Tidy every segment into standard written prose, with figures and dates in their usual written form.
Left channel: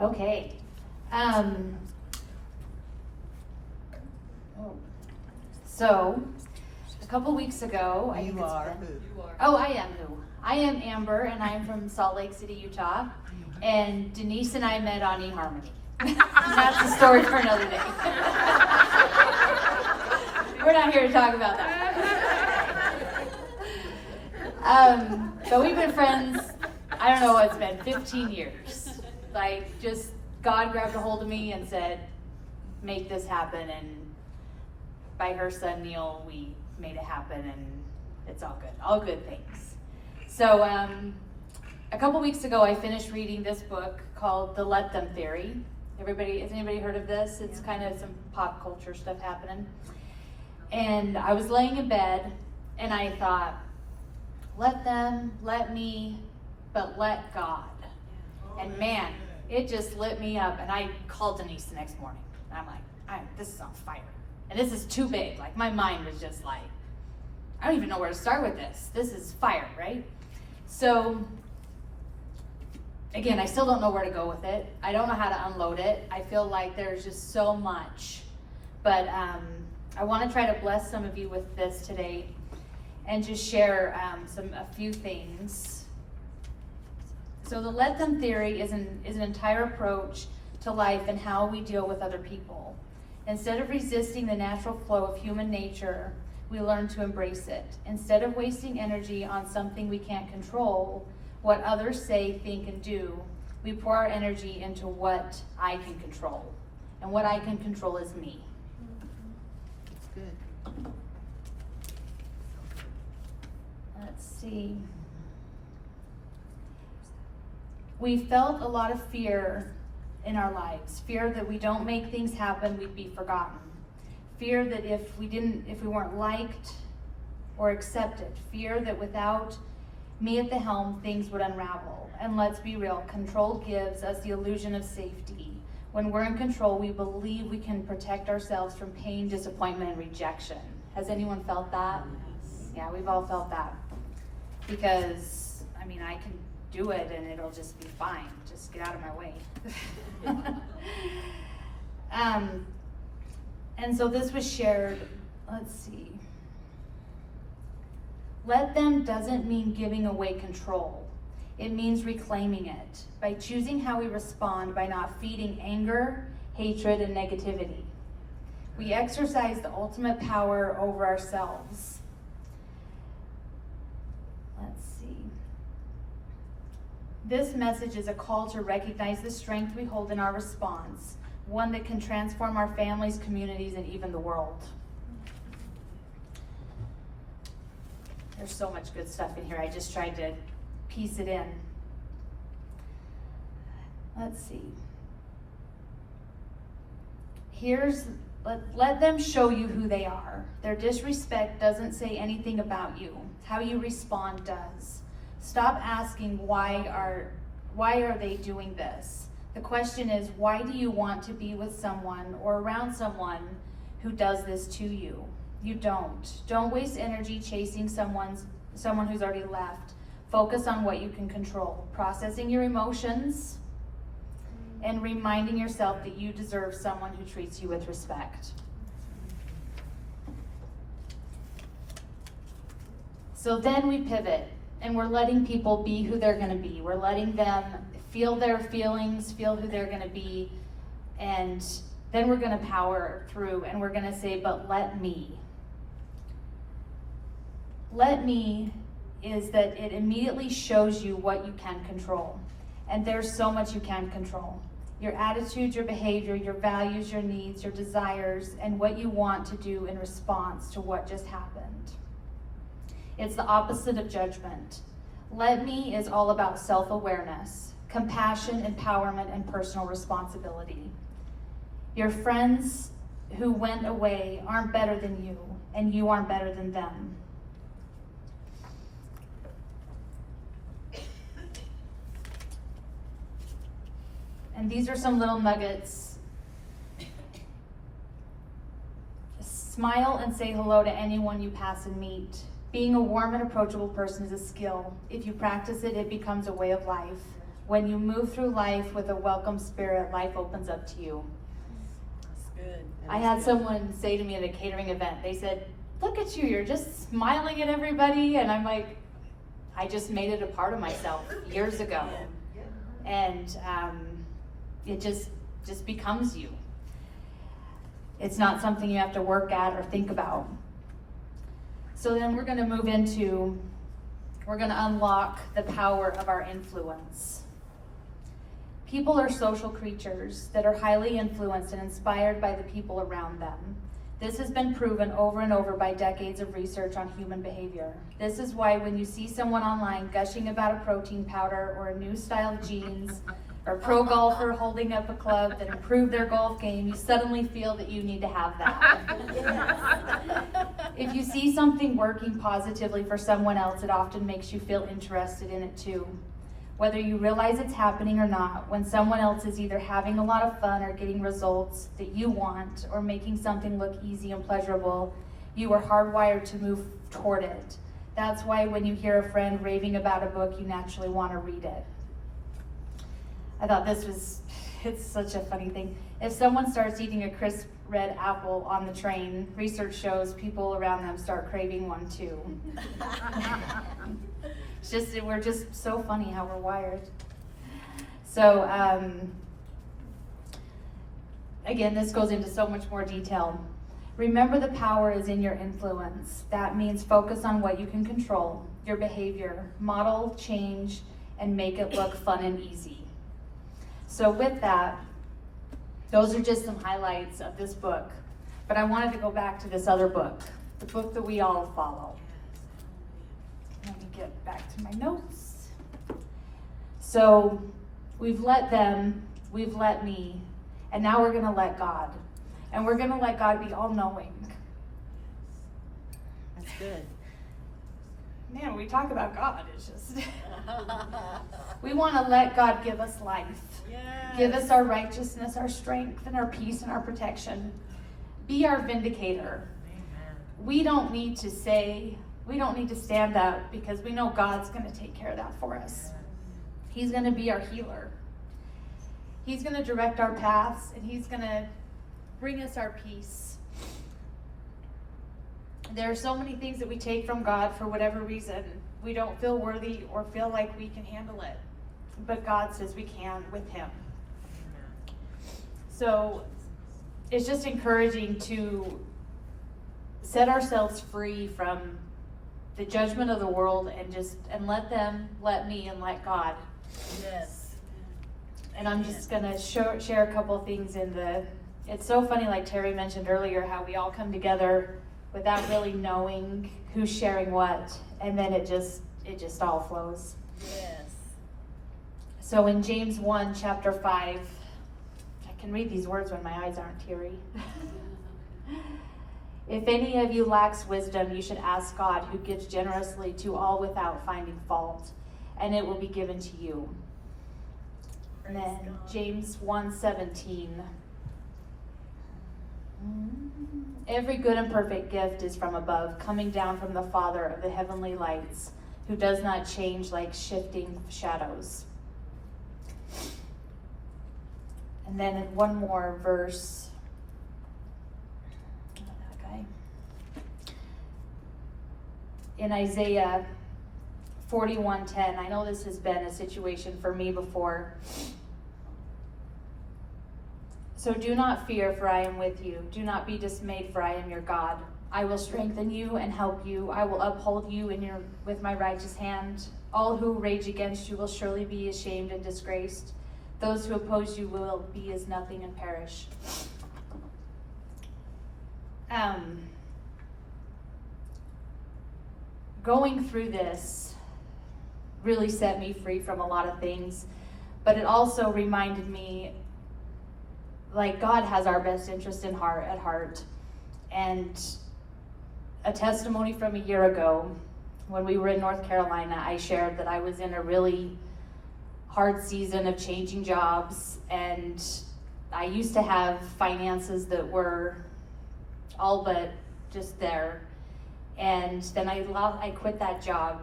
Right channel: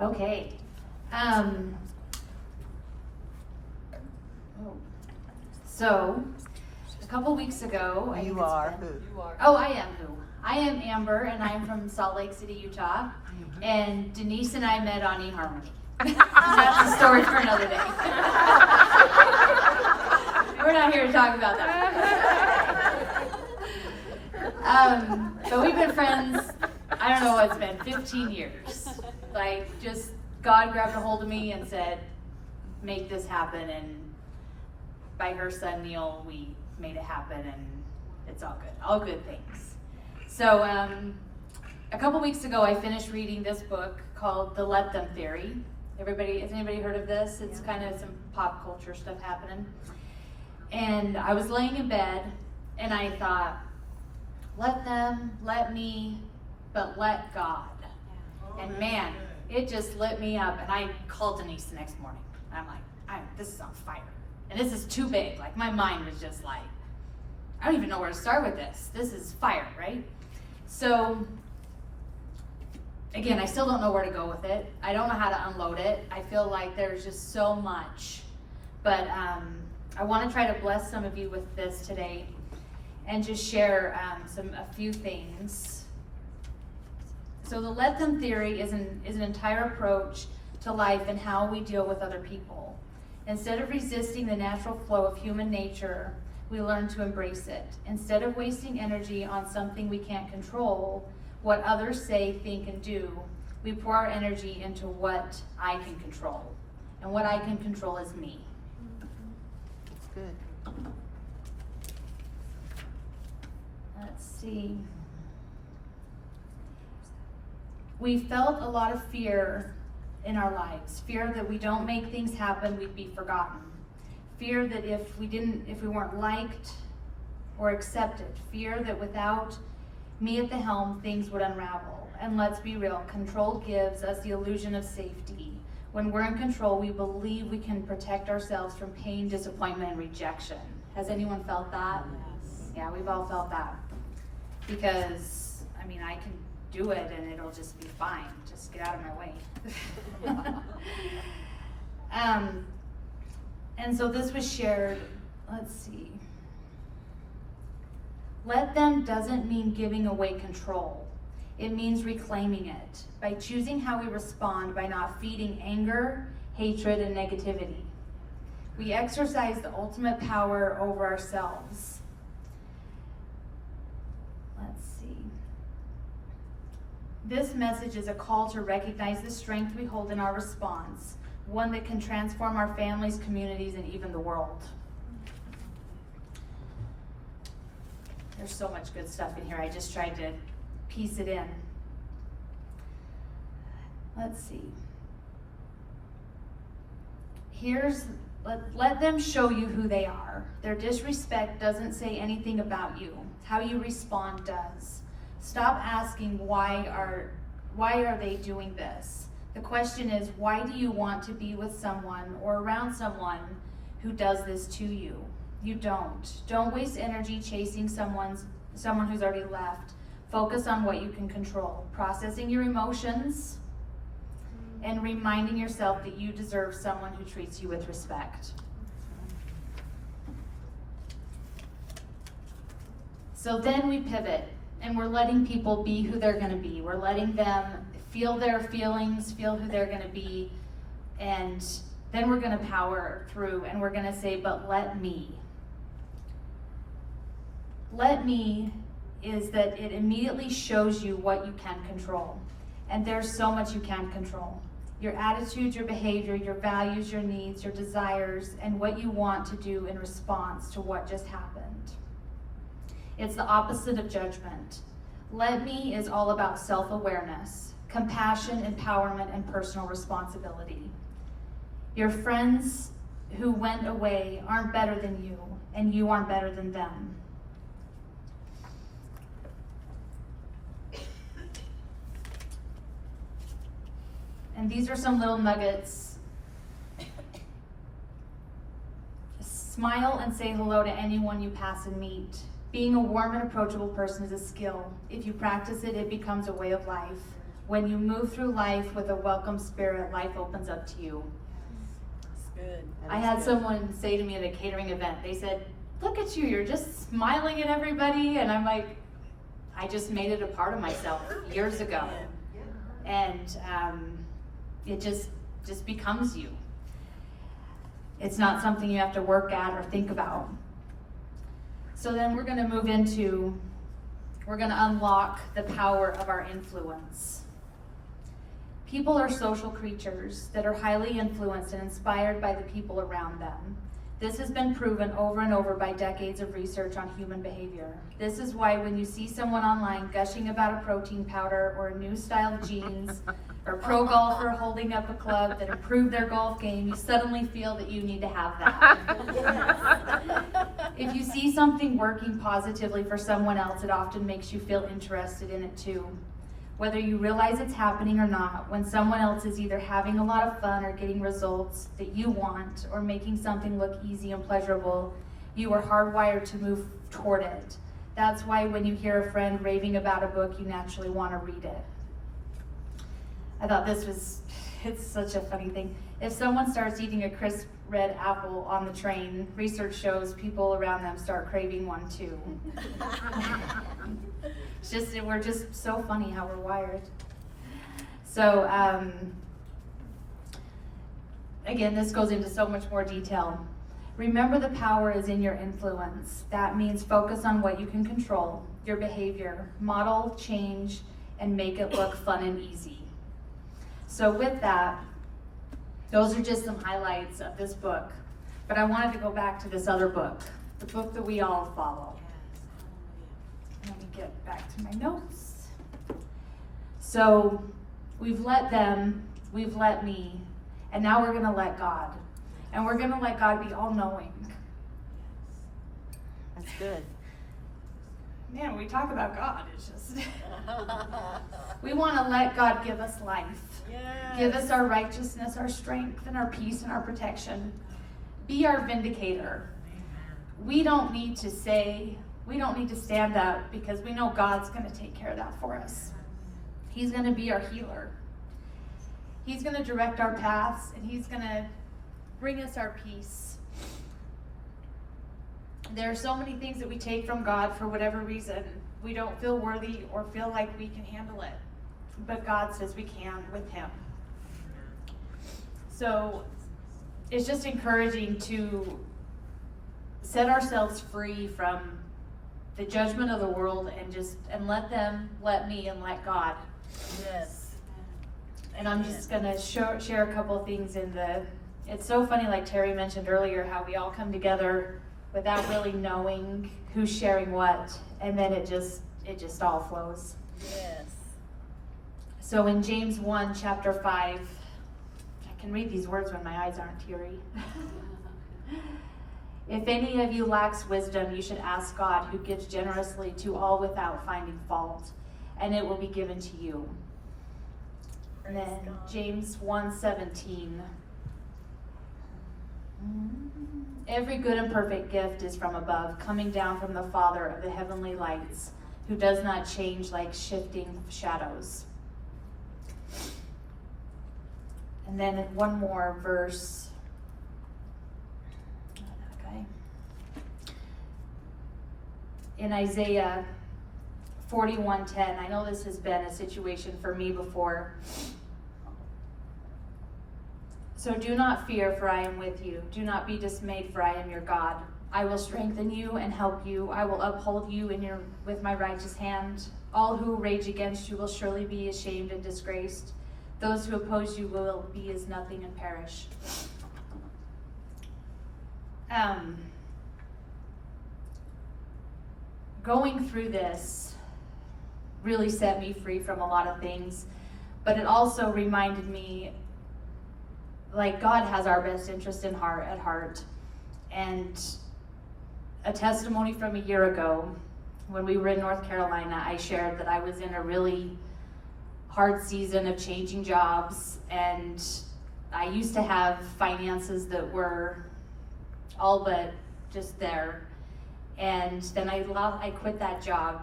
Okay. So, a couple weeks ago, I am who? I am Amber, and I'm from Salt Lake City, Utah. And Denise and I met on eHarmony. That's a story for another day. We're not here to talk about that. But we've been friends, I don't know what it's been, 15 years. Like, just God grabbed a hold of me and said, make this happen. And by her son, Neil, we made it happen, and it's all good. All good things. So, a couple weeks ago, I finished reading this book called The Let Them Theory. Has anybody heard of this? It's kind of some pop culture stuff happening. And I was laying in bed, and I thought, let them, let me, but let God. And man, it just lit me up. And I called Denise the next morning. I'm like, this is on fire. And this is too big. Like, my mind was just like, I don't even know where to start with this. This is fire, right? So, again, I still don't know where to go with it. I don't know how to unload it. I feel like there's just so much. But I want to try to bless some of you with this today and just share a few things. So the Let Them Theory is an entire approach to life and how we deal with other people. Instead of resisting the natural flow of human nature, we learn to embrace it. Instead of wasting energy on something we can't control, what others say, think, and do, we pour our energy into what I can control. And what I can control is me. That's good. Let's see. We felt a lot of fear in our lives. Fear that we don't make things happen, we'd be forgotten. Fear that if we weren't liked or accepted. Fear that without me at the helm, things would unravel. And let's be real, control gives us the illusion of safety. When we're in control, we believe we can protect ourselves from pain, disappointment, and rejection. Has anyone felt that? Yes. Yeah, we've all felt that. Because, I can do it and it'll just be fine. Just get out of my way. And so this was shared, let's see. Let them doesn't mean giving away control. It means reclaiming it by choosing how we respond by not feeding anger, hatred, and negativity. We exercise the ultimate power over ourselves. Let's see. This message is a call to recognize the strength we hold in our response, one that can transform our families, communities, and even the world. There's so much good stuff in here. I just tried to piece it in. Let's see. Let them show you who they are. Their disrespect doesn't say anything about you. How you respond does. Stop asking why are they doing this? The question is, why do you want to be with someone or around someone who does this to you? You don't. Don't waste energy chasing someone who's already left. Focus on what you can control. Processing your emotions and reminding yourself that you deserve someone who treats you with respect. So then we pivot and we're letting people be who they're going to be. We're letting them feel their feelings, feel who they're going to be, and then we're going to power through and we're going to say, but let me. Let me is that it immediately shows you what you can control. And there's so much you can control. Your attitude, your behavior, your values, your needs, your desires, and what you want to do in response to what just happened. It's the opposite of judgment. Let me is all about self-awareness, compassion, empowerment, and personal responsibility. Your friends who went away aren't better than you, and you aren't better than them. And these are some little nuggets. Smile and say hello to anyone you pass and meet. Being a warm and approachable person is a skill. If you practice it, it becomes a way of life. When you move through life with a welcome spirit, life opens up to you. That's good. I had someone say to me at a catering event, they said, look at you, you're just smiling at everybody. And I'm like, I just made it a part of myself years ago. And it just becomes you. It's not something you have to work at or think about. So then we're going to move into, we're going to unlock the power of our influence. People are social creatures that are highly influenced and inspired by the people around them. This has been proven over and over by decades of research on human behavior. This is why when you see someone online gushing about a protein powder or a new style of jeans, or a pro golfer holding up a club that improved their golf game, you suddenly feel that you need to have that. If you see something working positively for someone else, it often makes you feel interested in it too. Whether you realize it's happening or not, when someone else is either having a lot of fun or getting results that you want, or making something look easy and pleasurable, you are hardwired to move toward it. That's why when you hear a friend raving about a book, you naturally want to read it. I thought it's such a funny thing. If someone starts eating a crisp red apple on the train, research shows people around them start craving one too. We're just so funny how we're wired. So, again, this goes into so much more detail. Remember, the power is in your influence. That means focus on what you can control, your behavior, model change, and make it look fun and easy. So with that, those are just some highlights of this book. But I wanted to go back to this other book, the book that we all follow. Let me get back to my notes. So we've let them, we've let me, and now we're going to let God. And we're going to let God be all-knowing. That's good. Man, we talk about God, it's just... We want to let God give us life. Yes. Give us our righteousness, our strength, and our peace, and our protection. Be our vindicator. Amen. We don't need to stand up, because we know God's going to take care of that for us. He's going to be our healer. He's going to direct our paths, and He's going to bring us our peace. There are so many things that we take from God for whatever reason. We don't feel worthy or feel like we can handle it. But God says we can with Him. So it's just encouraging to set ourselves free from the judgment of the world and let me, and let God. Yes. And I'm just going to share a couple things it's so funny, like Terry mentioned earlier, how we all come together without really knowing who's sharing what, and then it just all flows. Yes. So in James 1, chapter 5, I can read these words when my eyes aren't teary. If any of you lacks wisdom, you should ask God, who gives generously to all without finding fault, and it will be given to you. And Praise then God. James 1:17. Every good and perfect gift is from above, coming down from the Father of the heavenly lights, who does not change like shifting shadows. And then one more verse. Okay. In Isaiah 41:10, I know this has been a situation for me before. So do not fear, for I am with you. Do not be dismayed, for I am your God. I will strengthen you and help you. I will uphold you with my righteous hand. All who rage against you will surely be ashamed and disgraced. Those who oppose you will be as nothing and perish. Going through this really set me free from a lot of things, but it also reminded me, like, God has our best interest at heart. And a testimony from a year ago, when we were in North Carolina, I shared that I was in a really hard season of changing jobs, and I used to have finances that were all but just there. And then I quit that job.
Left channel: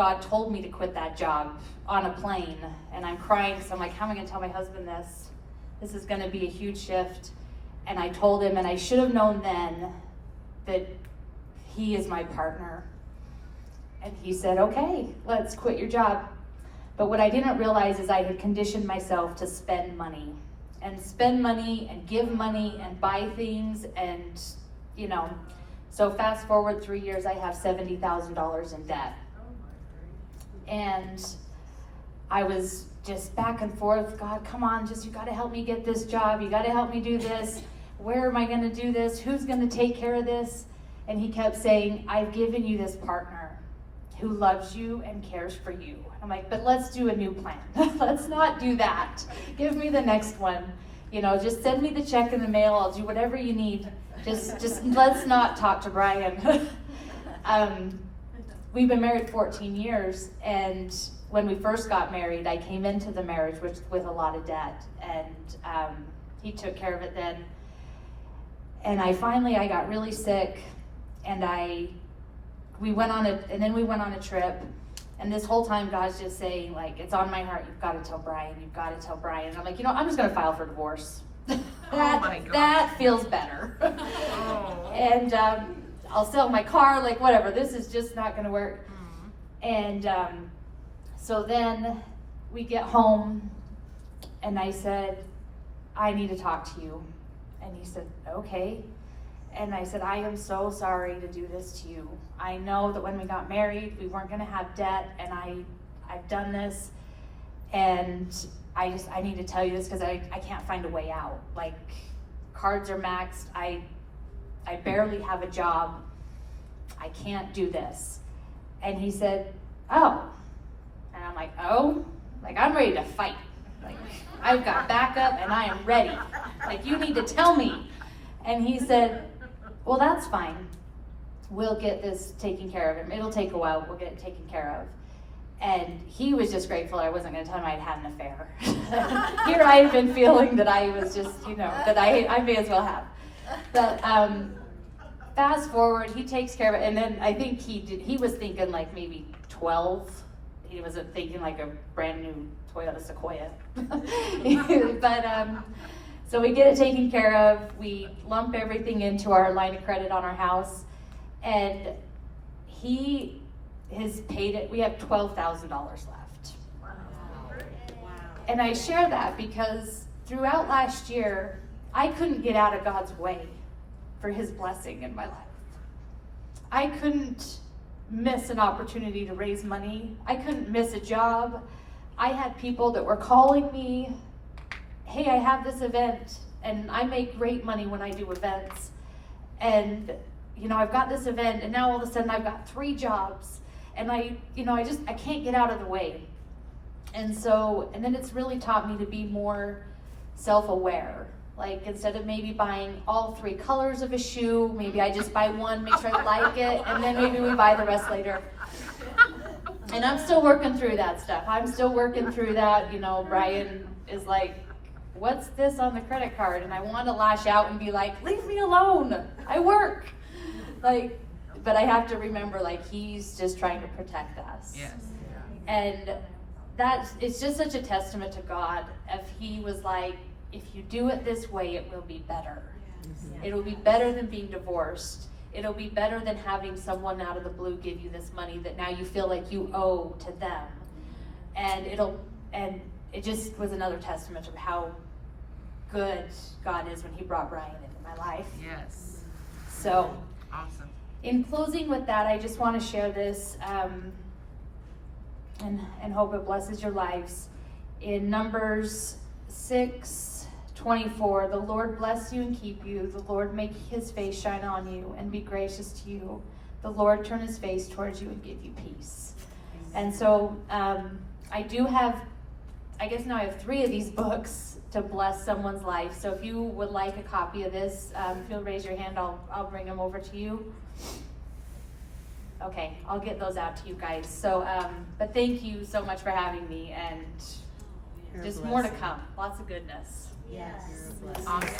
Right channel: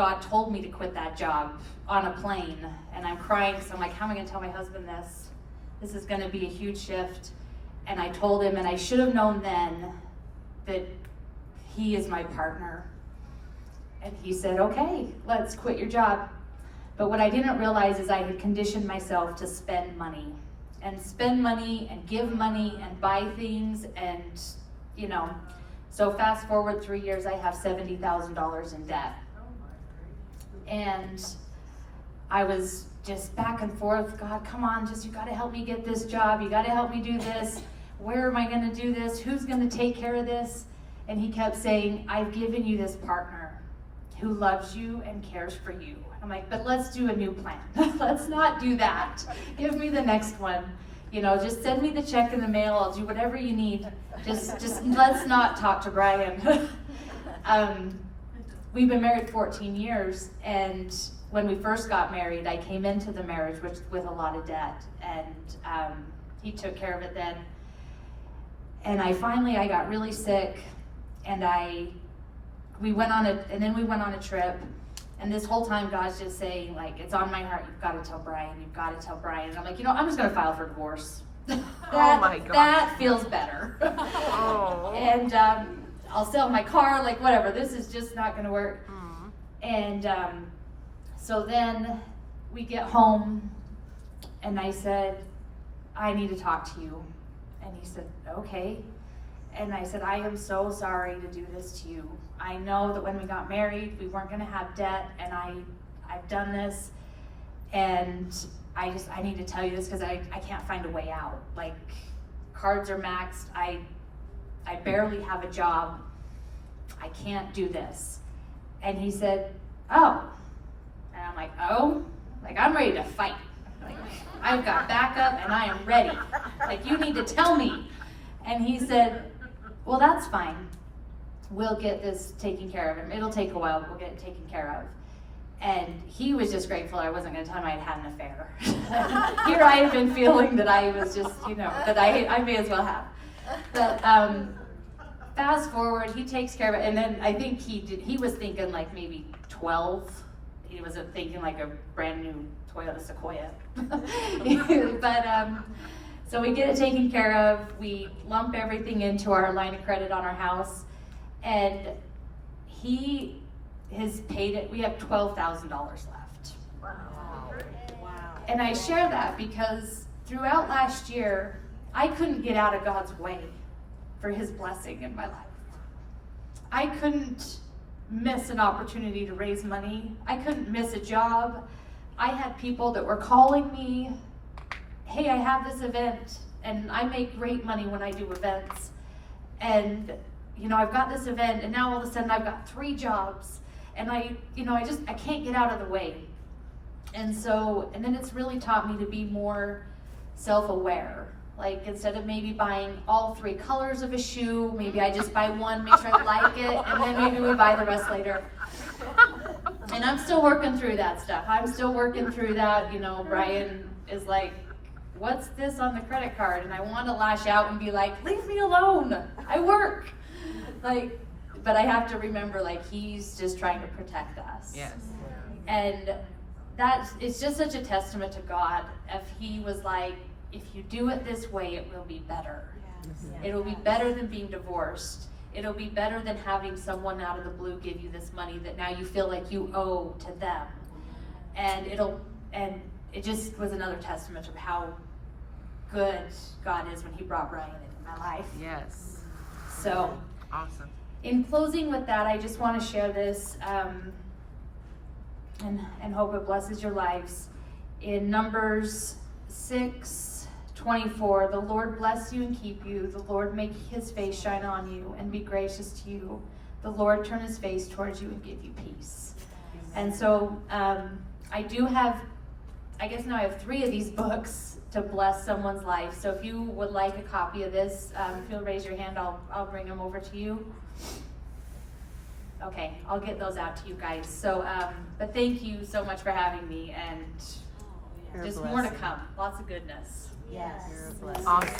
God told me to quit that job on a plane, and I'm crying because I'm like, how am I going to tell my husband this? This is going to be a huge shift. And I told him, and I should have known then that he is my partner. And he said, okay, let's quit your job. But what I didn't realize is I had conditioned myself to spend money and give money and buy things, and so fast forward 3 years, I have $70,000 in debt. And I was just back and forth, God, come on, you gotta help me get this job, you gotta help me do this, where am I gonna do this, who's gonna take care of this? And he kept saying, I've given you this partner who loves you and cares for you. I'm like, but let's do a new plan. Let's not do that. Give me the next one. Just send me the check in the mail, I'll do whatever you need. Just let's not talk to Brian. We've been married 14 years, and when we first got married, I came into the marriage with a lot of debt, and he took care of it then. And I got really sick, and we went on a trip, and this whole time God's just saying, like, it's on my heart, you've got to tell Brian. And I'm like, I'm just going to file for divorce. Oh my God. That feels better. Oh. And I'll sell my car, like whatever, this is just not going to work. And so then we get home, and I said, I need to talk to you. And he said, okay. And I said, I am so sorry to do this to you. I know that when we got married, we weren't going to have debt, and I've done this, and I need to tell you this because I can't find a way out. Like, cards are maxed. I barely have a job. I can't do this. And he said, oh. And I'm like, oh? Like, I'm ready to fight. Like, I've got backup and I am ready. Like, you need to tell me. And he said, well, that's fine. We'll get this taken care of. It'll take a while, but we'll get it taken care of. And he was just grateful I wasn't going to tell him I had an affair. Here I had been feeling that I was just, that I may as well have. But fast forward, he takes care of it. And then I think he was thinking like maybe 12. He wasn't thinking like a brand new Toyota Sequoia. But so we get it taken care of. We lump everything into our line of credit on our house. And he has paid it. We have $12,000 left. Wow. And I share that because throughout last year, I couldn't get out of God's way for his blessing in my life. I couldn't miss an opportunity to raise money. I couldn't miss a job. I had people that were calling me, hey, I have this event, and I make great money when I do events. And, I've got this event, and now all of a sudden I've got 3 jobs. And I can't get out of the way. And then it's really taught me to be more self-aware. Like, instead of maybe buying all 3 colors of a shoe, maybe I just buy one, make sure I like it, and then maybe we buy the rest later. And I'm still working through that stuff. Brian is like, what's this on the credit card? And I want to lash out and be like, leave me alone. I work. But I have to remember, he's just trying to protect us. Yes. And it's just such a testament to God. If he was like, if you do it this way, it will be better. Yes. It'll be better than being divorced. It'll be better than having someone out of the blue give you this money that now you feel like you owe to them. And it just was another testament of how good God is when he brought Brian into my life. Yes. So, awesome. In closing with that, I just want to share this and hope it blesses your lives. In Numbers 6:24, the Lord bless you and keep you. The Lord make his face shine on you and be gracious to you. The Lord turn his face towards you and give you peace. And so I guess now I have 3 of these books to bless someone's life. So if you would like a copy of this, if you'll raise your hand, I'll bring them over to you. Okay, I'll get those out to you guys. So, but thank you so much for having me, and You're a just more to blessing. come. Lots of goodness. Yes. Awesome.